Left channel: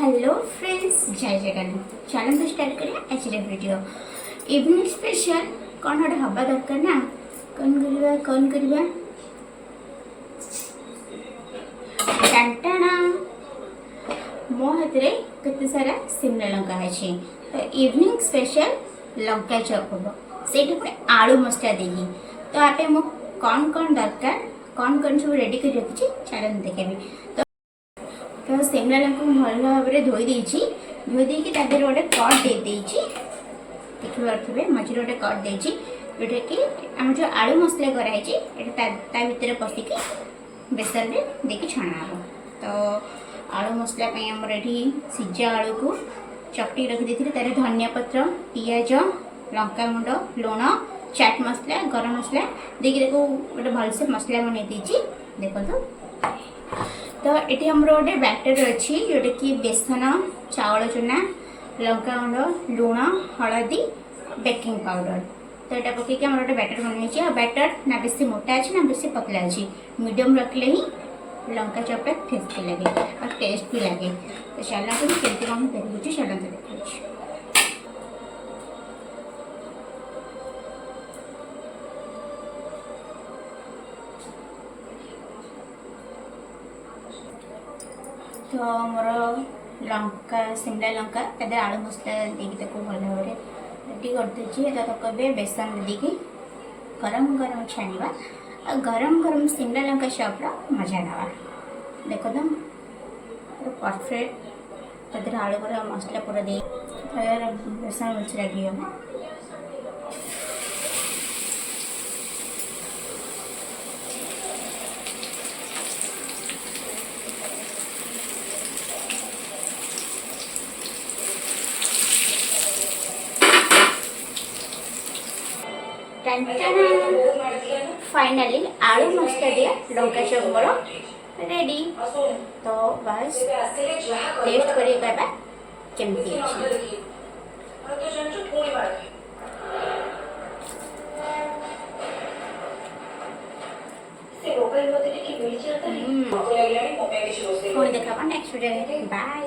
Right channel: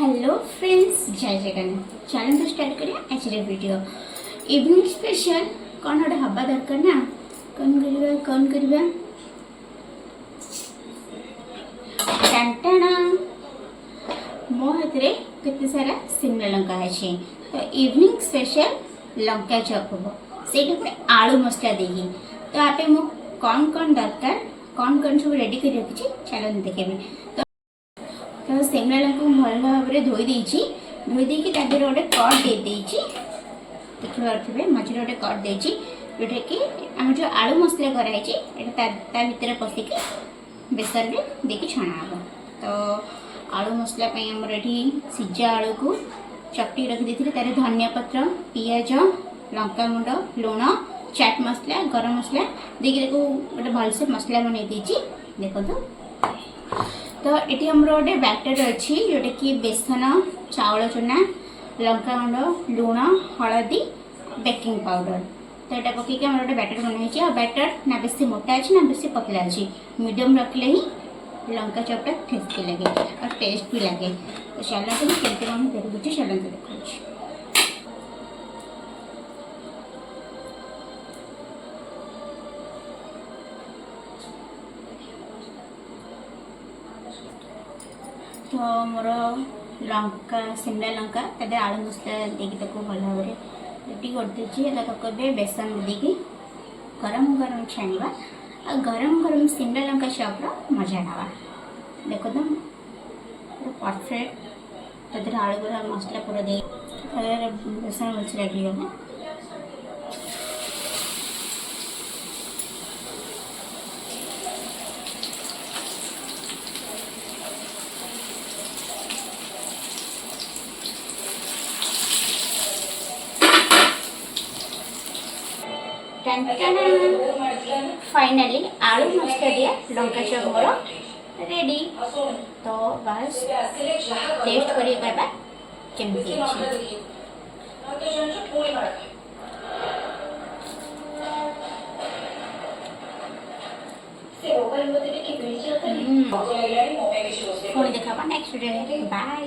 Hello friends, जय जगन्नाथ। चलते start करिया आज वीडियो। इवनिंग स्पेशल कौन गोटे हवा दरकार ना। कौन करवा टाणटाणा मो हाथ में केते सारा सिमला लंका है। तो इवनिंग स्पेशल लंका चॉप हम से आलू मसला देगी। तो आप कौन कौन दरकार कौन सब रेडी कर रखी चलन देखेबी। तो सिमला लंका भल भाव में धोई देकी गोटे कट दे देखिए मझे गोटे कट देची जोटा कि आम जो आलू मसला कराई भितर पशिकी बेसन में देखिए छणा हम। तो आलू मसला आमर ये सीजा आलू को चकटी रखी तार धनिया पत्र पियाज लंका गुंड लुण चाट मसला गरम मसला देखिए गोटे भलसे मसला बनई देखो। तो ये आमर गोटे बैटर अच्छी जोटा कि बेसन चावल चूना लंका गुंड लुण हलदी बेकिंग पाउडर। तो यहाँ पकईक आम गोटे बैटर बनाई आ बैटर ना बेसी मोटा अच्छी ना बेसी पतला अच्छी मीडियम रखले ही लंका चॉपटा टेस्टी लगे और टेस्ट भी लगे। तो चलते केमती कौन देखुची चलते देखा। तो मोर लंका सिमला लंका तद आलू मसला देकी भल भाव रेडी कर देती। बेसन देकी गरम गरम छाणवा आ गरम गरम सिमला लंका चॉपर मजा नवा देखो। तो परफेक्ट तद आलू पूरा मसला पूरा दे बेसन भलसे लगे। फाइनली आलू मसला दिया लंका चॉप मोर रेडी। तो बस टेस्ट करी कहबा केमती अछि। पुणी देखा नेक्स्ट वीडियो। बाय।